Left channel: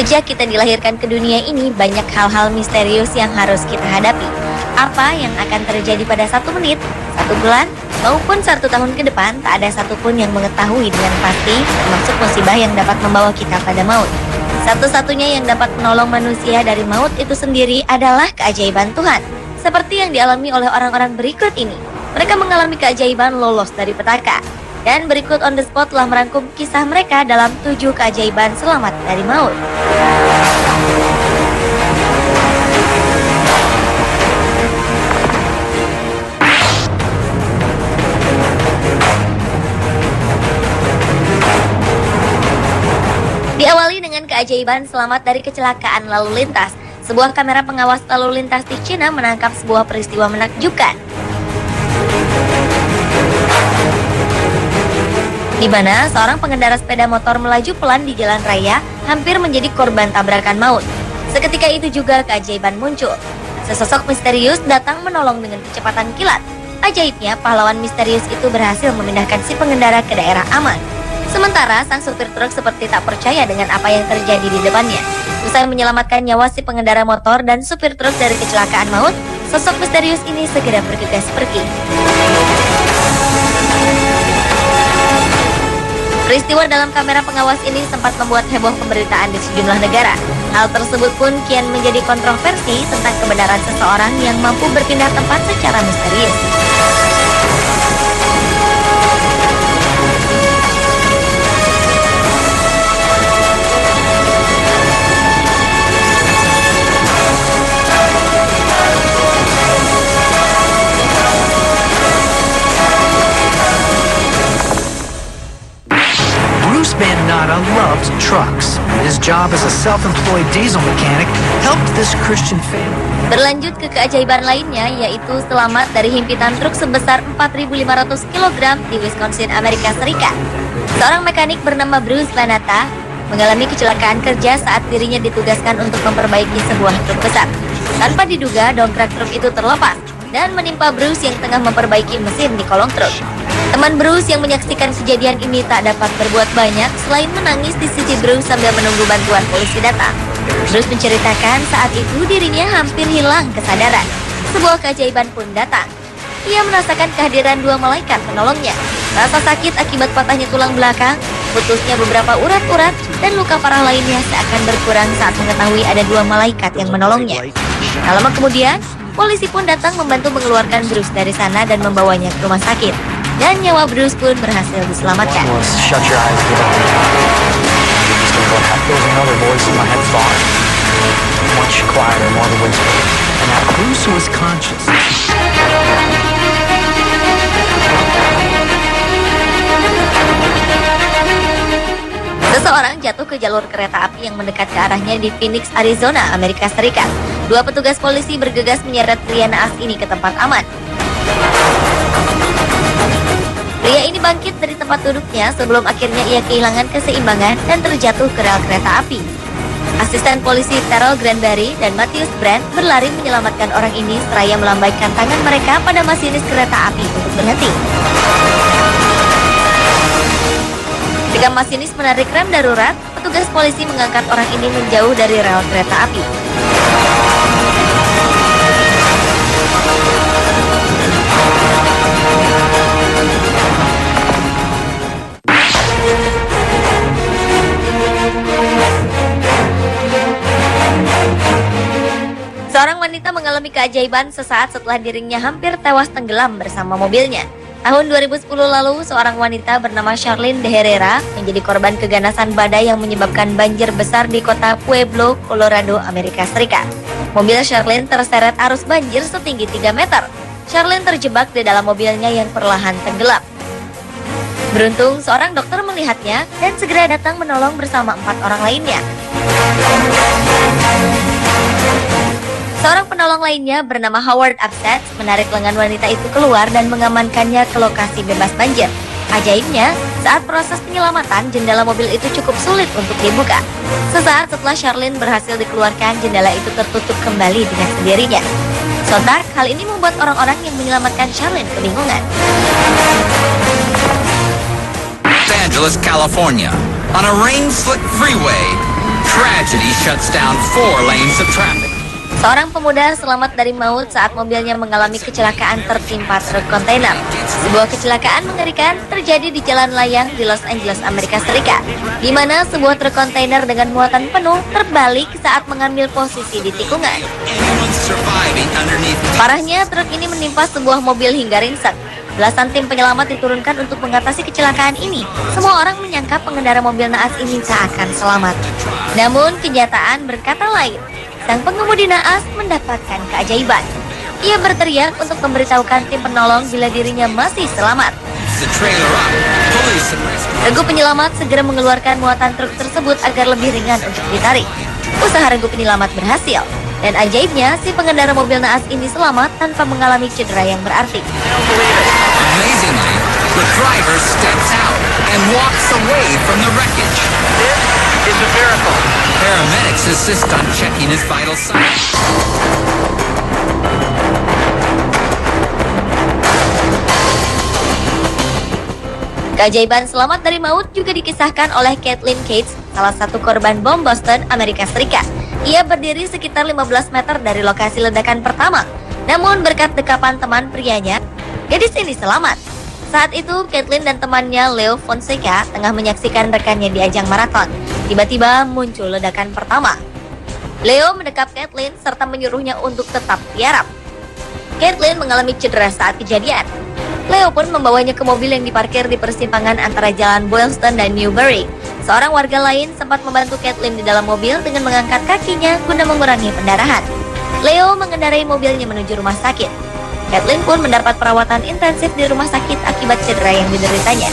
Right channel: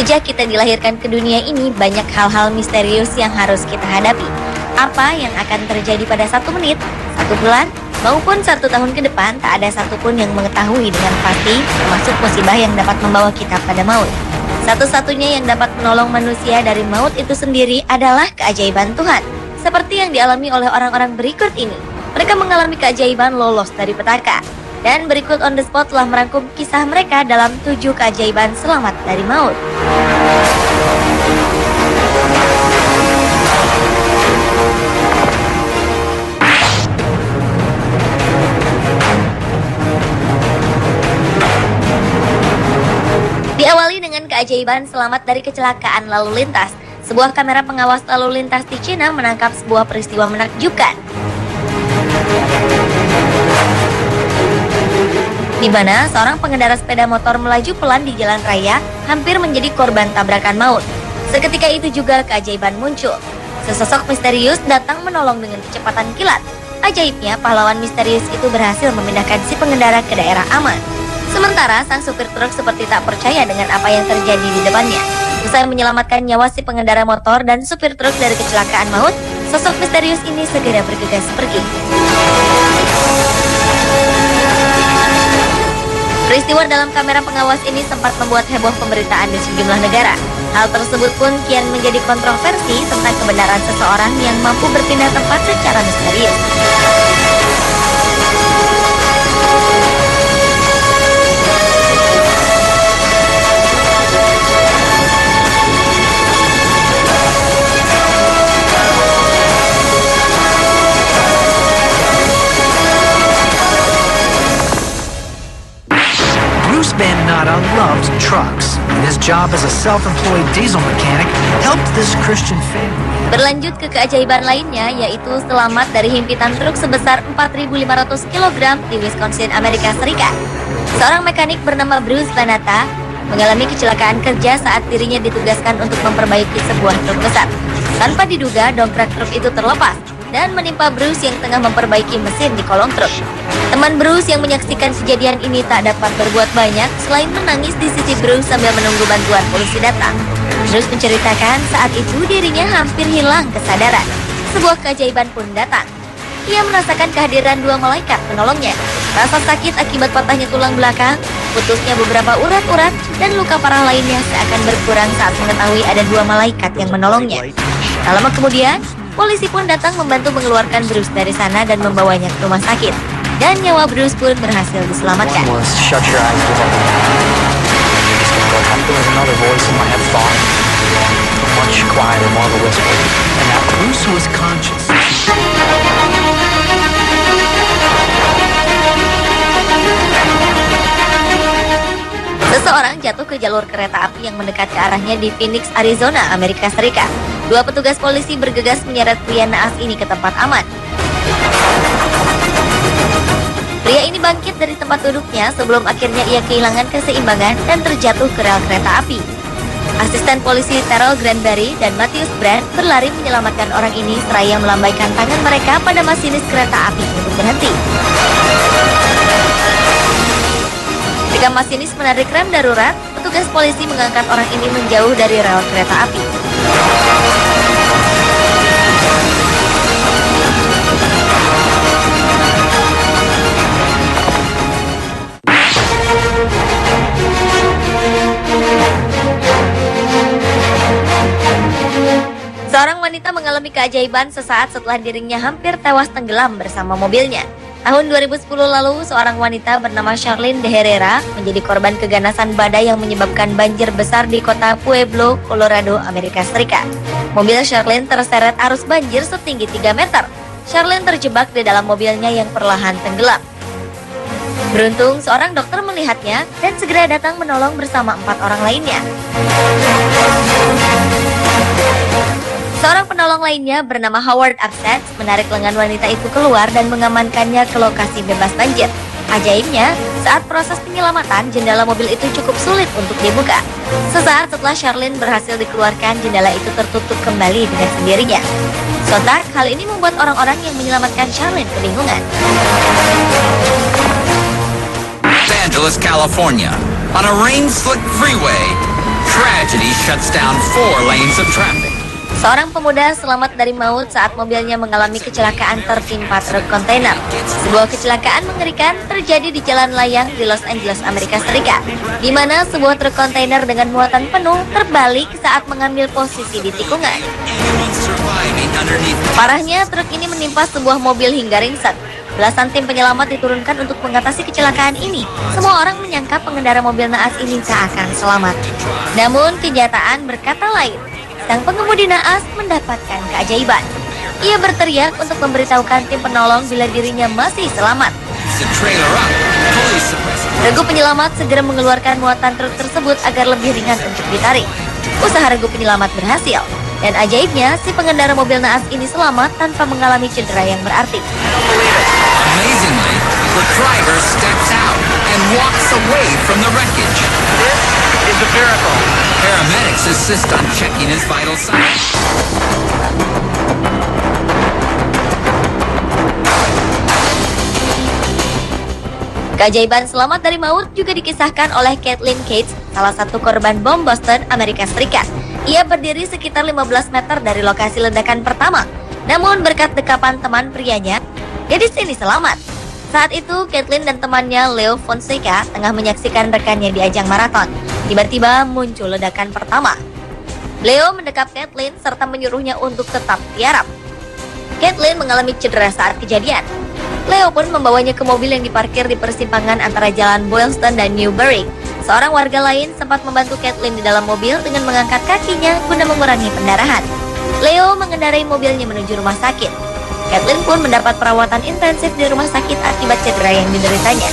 Sejak kita dilahirkan ke dunia ini, banyak hal-hal misterius yang harus kita hadapi. Apa yang akan terjadi pada 1 menit, 1 bulan, maupun 1 tahun ke depan, tak ada satupun yang mengetahui dengan pasti, termasuk musibah yang dapat membawa kita pada maut. Satu-satunya yang dapat menolong manusia dari maut itu sendiri adalah keajaiban Tuhan. Seperti yang dialami oleh orang-orang berikut ini. Mereka mengalami keajaiban lolos dari petaka. Dan berikut on the spot telah merangkum kisah mereka dalam 7 keajaiban selamat dari maut. Diawali dengan keajaiban selamat dari kecelakaan lalu lintas. Sebuah kamera pengawas lalu lintas di Cina menangkap sebuah peristiwa menakjubkan, di mana seorang pengendara sepeda motor melaju pelan di jalan raya hampir menjadi korban tabrakan maut. Seketika itu juga keajaiban muncul. Sesosok misterius datang menolong dengan kecepatan kilat. Ajaibnya, pahlawan misterius itu berhasil memindahkan si pengendara ke daerah aman. Sementara sang supir truk seperti tak percaya dengan apa yang terjadi di depannya. Usai menyelamatkan nyawa si pengendara motor dan supir truk dari kecelakaan maut, sosok misterius ini segera bergegas pergi. Peristiwa dalam kamera pengawas ini sempat membuat heboh pemberitaan di sejumlah negara. Hal tersebut pun kian menjadi kontroversi tentang kebenaran seseorang yang mampu berpindah tempat secara misterius. Bruce Van Natta loves trucks, and his job as a self-employed diesel mechanic helped this Christian family. Berlanjut ke keajaiban lainnya, yaitu selamat dari himpitan truk sebesar 4.500 kg di Wisconsin, Amerika Serikat. Seorang mekanik bernama Bruce Van Natta mengalami kecelakaan kerja saat dirinya ditugaskan untuk memperbaiki sebuah truk besar. Tanpa diduga, dongkrak truk itu terlepas dan menimpa Bruce yang tengah memperbaiki mesin di kolong truk. Teman Bruce yang menyaksikan kejadian ini tak dapat berbuat banyak selain menangis di sisi Bruce sambil menunggu bantuan polisi datang. Bruce menceritakan saat itu dirinya hampir hilang kesadaran. Sebuah keajaiban pun datang. Ia merasakan kehadiran 2 malaikat menolongnya. Rasa sakit akibat patahnya tulang belakang, putusnya beberapa urat-urat, dan luka parah lainnya seakan berkurang saat mengetahui ada 2 malaikat yang menolongnya. Tak lama kemudian, polisi pun datang membantu mengeluarkan Bruce dari sana dan membawanya ke rumah sakit. Dan nyawa Bruce pun berhasil diselamatkan. Shut your eyes, another voice in my head thought, watch you climb while the wind's blowing. Bruce was conscious. Seseorang jatuh ke jalur kereta api yang mendekat ke arahnya di Phoenix, Arizona, Amerika Serikat. 2 petugas polisi bergegas menyeret pria naas ini ke tempat aman. Pria ini bangkit dari tempat duduknya sebelum akhirnya ia kehilangan keseimbangan dan terjatuh ke rel kereta api. Asisten polisi Terrell Granberry dan Matthews Brand berlari menyelamatkan orang ini seraya melambaikan tangan mereka pada masinis kereta api untuk berhenti. Ketika masinis menarik rem darurat, petugas polisi mengangkat orang ini menjauh dari rel kereta api. Seorang wanita mengalami keajaiban sesaat setelah dirinya hampir tewas tenggelam bersama mobilnya. Tahun 2010 lalu, seorang wanita bernama Charlene de Herrera menjadi korban keganasan badai yang menyebabkan banjir besar di kota Pueblo, Colorado, Amerika Serikat. Mobil Charlene terseret arus banjir setinggi 3 meter. Charlene terjebak di dalam mobilnya yang perlahan tenggelam. Beruntung, seorang dokter melihatnya dan segera datang menolong bersama 4 orang lainnya. Seorang penolong lainnya bernama Howard Upset menarik lengan wanita itu keluar dan mengamankannya ke lokasi bebas banjir. Ajaibnya, saat proses penyelamatan, jendela mobil itu cukup sulit untuk dibuka. Sesaat setelah Charlene berhasil dikeluarkan, jendela itu tertutup kembali dengan sendirinya. Sontak, hal ini membuat orang-orang yang menyelamatkan Charlene kebingungan. Los Angeles, California, on a rain-slick freeway, Tragedy shuts down 4 lanes of traffic. Seorang pemuda selamat dari maut saat mobilnya mengalami kecelakaan tertimpa truk kontainer. Sebuah kecelakaan mengerikan terjadi di jalan layang di Los Angeles, Amerika Serikat, di mana sebuah truk kontainer dengan muatan penuh terbalik saat mengambil posisi di tikungan. Anyone surviving underneath Parahnya, truk ini menimpa sebuah mobil hingga ringsek. Belasan tim penyelamat diturunkan untuk mengatasi kecelakaan ini. Semua orang menyangka pengendara mobil naas ini tak akan selamat. Namun, kenyataan berkata lain. Sang pengemudi naas mendapatkan keajaiban. Ia berteriak untuk memberitahukan tim penolong bila dirinya masih selamat. the trailer up. Police arrest. Regu penyelamat segera mengeluarkan muatan truk tersebut agar lebih ringan untuk ditarik. Usaha regu penyelamat berhasil. Dan ajaibnya, si pengendara mobil naas ini selamat tanpa mengalami cedera yang berarti. Amazingly, the driver steps out and walks away from the wreckage. It's a miracle. Paramedics assist on checking his vital signs. Keajaiban selamat dari maut juga dikisahkan oleh Kathleen Cates, salah satu korban bom Boston, Amerika Serikat. Ia berdiri sekitar 15 meter dari lokasi ledakan pertama. Namun berkat dekapan teman prianya, gadis ini selamat. Saat itu, Kathleen dan temannya Leo Fonseca tengah menyaksikan rekannya di ajang maraton. Tiba-tiba muncul ledakan pertama. Leo mendekap Kathleen serta menyuruhnya untuk tetap tiarap. Kathleen mengalami cedera saat kejadian. Leo pun membawanya ke mobil yang diparkir di persimpangan antara jalan Boylston dan Newbury. Seorang warga lain sempat membantu Kathleen di dalam mobil dengan mengangkat kakinya guna mengurangi pendarahan. Leo mengendarai mobilnya menuju rumah sakit. Kathleen pun mendapat perawatan intensif di rumah sakit akibat cedera yang dideritanya.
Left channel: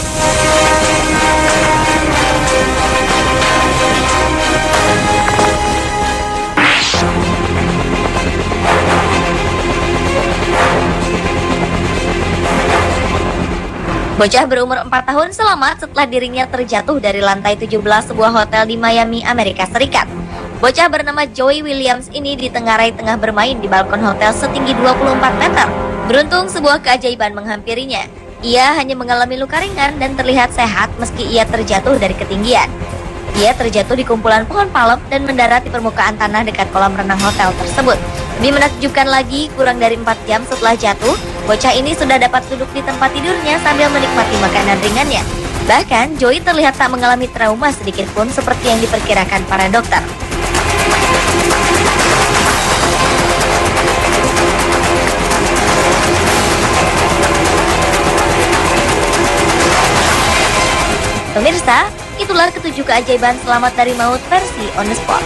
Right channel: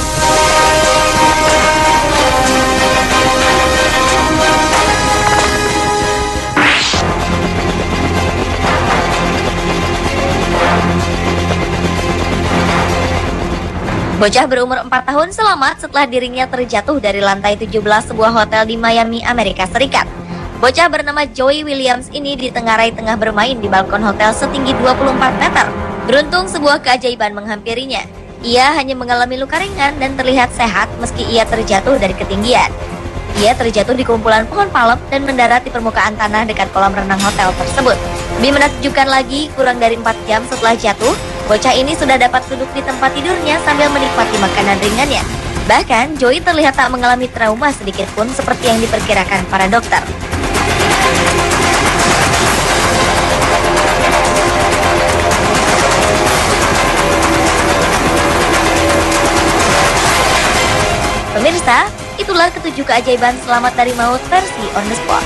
Bocah berumur 4 tahun selamat setelah dirinya terjatuh dari lantai 17 sebuah hotel di Miami, Amerika Serikat. Bocah bernama Joey Williams ini ditengarai tengah bermain di balkon hotel setinggi 24 meter. Beruntung sebuah keajaiban menghampirinya. Ia hanya mengalami luka ringan dan terlihat sehat meski ia terjatuh dari ketinggian. Ia terjatuh di kumpulan pohon palem dan mendarat di permukaan tanah dekat kolam renang hotel tersebut. Lebih menakjubkan lagi, kurang dari 4 jam setelah jatuh, bocah ini sudah dapat duduk di tempat tidurnya sambil menikmati makanan ringannya. Bahkan, Joey terlihat tak mengalami trauma sedikit pun seperti yang diperkirakan para dokter. Pemirsa, itulah ketujuh keajaiban selamat dari maut versi On The Spot.